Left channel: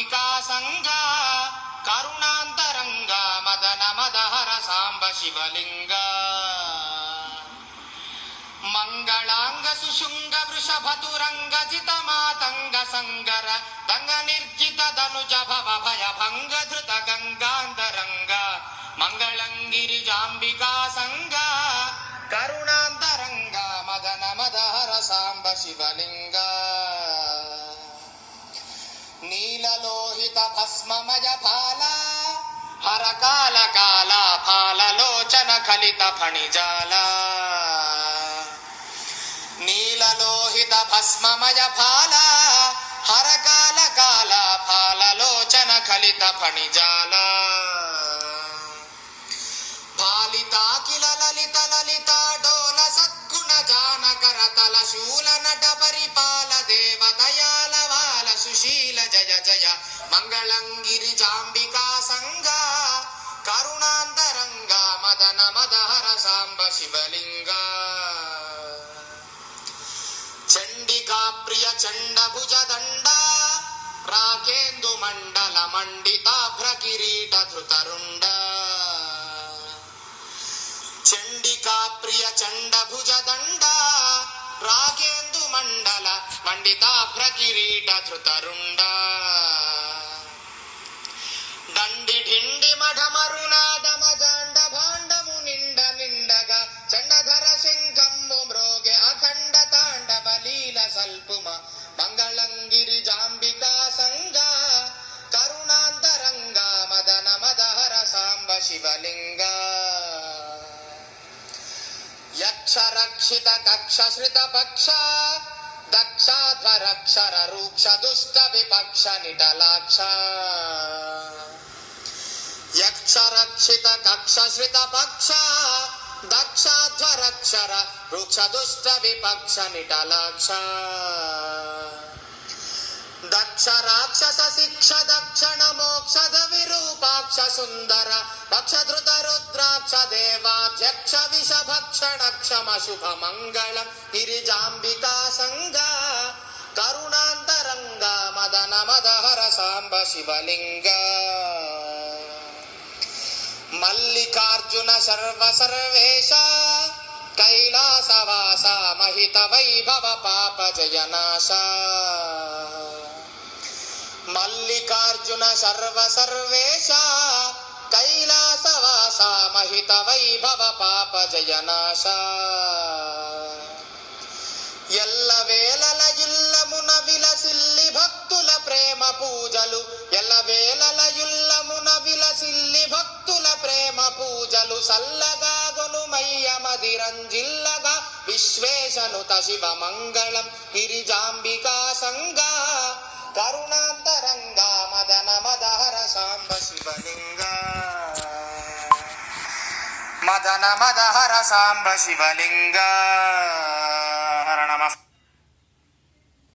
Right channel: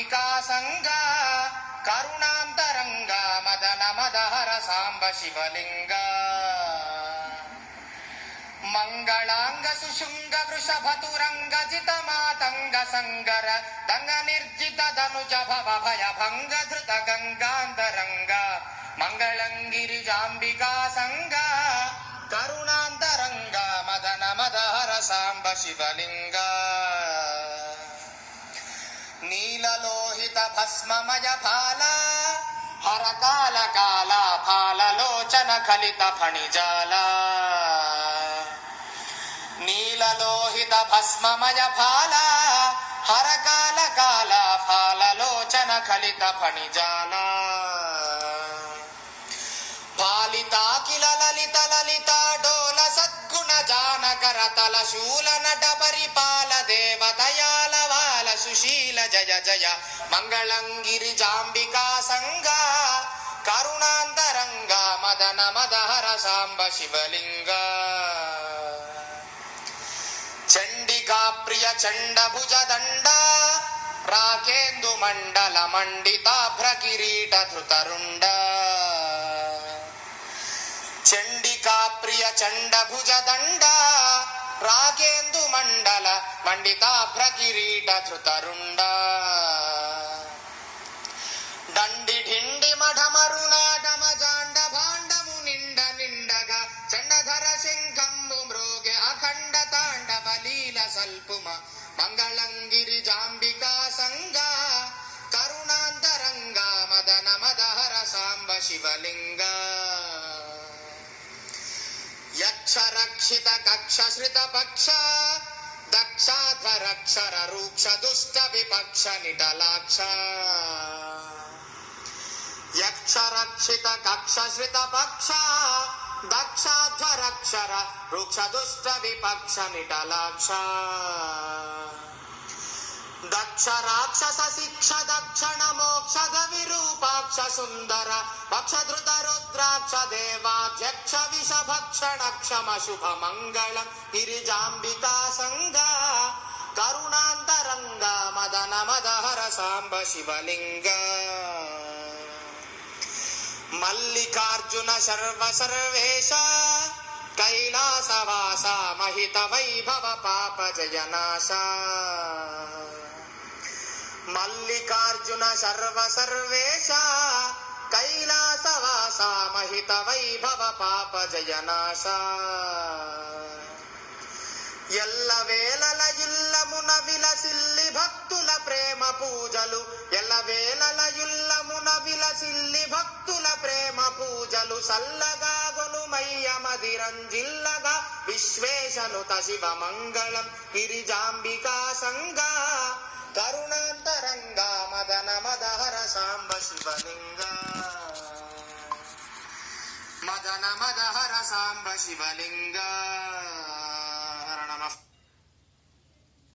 జాంబికా సంగ కరుణాంతరంగ మదన మదహర సాంబ శివలింగ మంగళాంగ సుశృంగ వృషభతురంగ జిత మాతంగ సంగర దంగ నిర్జిత ధనుజ భవ భయ భంగ ధృత గంగాంతరంగ మంగళంగిరి జాంబికా సంగ కరుణాంతరంగ మదన మదహర సాంబ శివలింగ నీలలోహిత భస్మమయ ఫాల హర కాల కాల ఫాలలోచన కలిత ఫణిజాల నీలలోహిత భస్మమయ ఫాల హర కాల కాల ఫాలలోచన కలిత ఫణిజాల పాలితాకిల లలిత లలిత డోల సద్గుణ జానకర తల శూల నట పరిపాల దేవదయాల వాల సుశీల జయ జయ మంగళంగిరి జాంబికా సంగ కరుణాంతరంగ మదన మదహర సాంబ శివలింగ చండికా ప్రియ చండ భుజ దండ రాకేందు మండల మండితాభ్ర కిరీట ధృతరుండ చండికా ప్రియ చండ భుజ దండ రాకేందు మండల మండితాభ్ర కిరీట ధృతరుండ దండి ఢిండి మఢమరునాదమ జాండ భాండము నిండ నిండగా చండధర శంఖంబు మ్రోగే అఖండ తాండవ లీల సల్పుమ మంగళంగిరి జాంబికా సంగ కరుణాంతరంగ మదన మదహర సాంబ శివలింగ యక్ష రక్షిత కక్ష శ్రిత పక్ష దక్షాధ్వరక్షర రూక్ష దుష్ట విపక్ష నిటలాక్ష యక్ష రక్షిత కక్ష శ్రిత పక్ష దక్షాధ్వరక్షర రూక్ష దుష్ట విపక్ష నిటలాక్ష దక్ష రాక్షస శిక్ష దక్షిణ మోక్షద విరూపాక్ష సుందర పక్షధృత రుద్రాక్ష దేవాధ్యక్ష విషభక్షణ క్షమ శుభ మంగళం గిరిజాంబికా సంగ కరుణాంతరంగ మదన మదహర సాంబ శివలింగ మల్లికార్జున సర్వ సర్వేశ కైలాసవాస మహిత వైభవ పాప జయనాశ మల్లికార్జున సర్వ సర్వేశ కైలాసవాస మహిత వైభవ పాప జయనాశ ఎల్ల వేళల ఇల్లమున విలసిల్లి భక్తుల ప్రేమ పూజలు ఎల్ల వేళల ఇల్లమున విలసిల్లి భక్తుల ప్రేమ పూజలు సల్లగా గొనుమయ్య మదిరంజిల్లగా విశ్వేశనుత శివ మంగళం గిరిజాంబికా సంగ కరుణాంతరంగ మదన మదహర సాంబ శివలింగ మదన మదహర సాంబ శివలింగ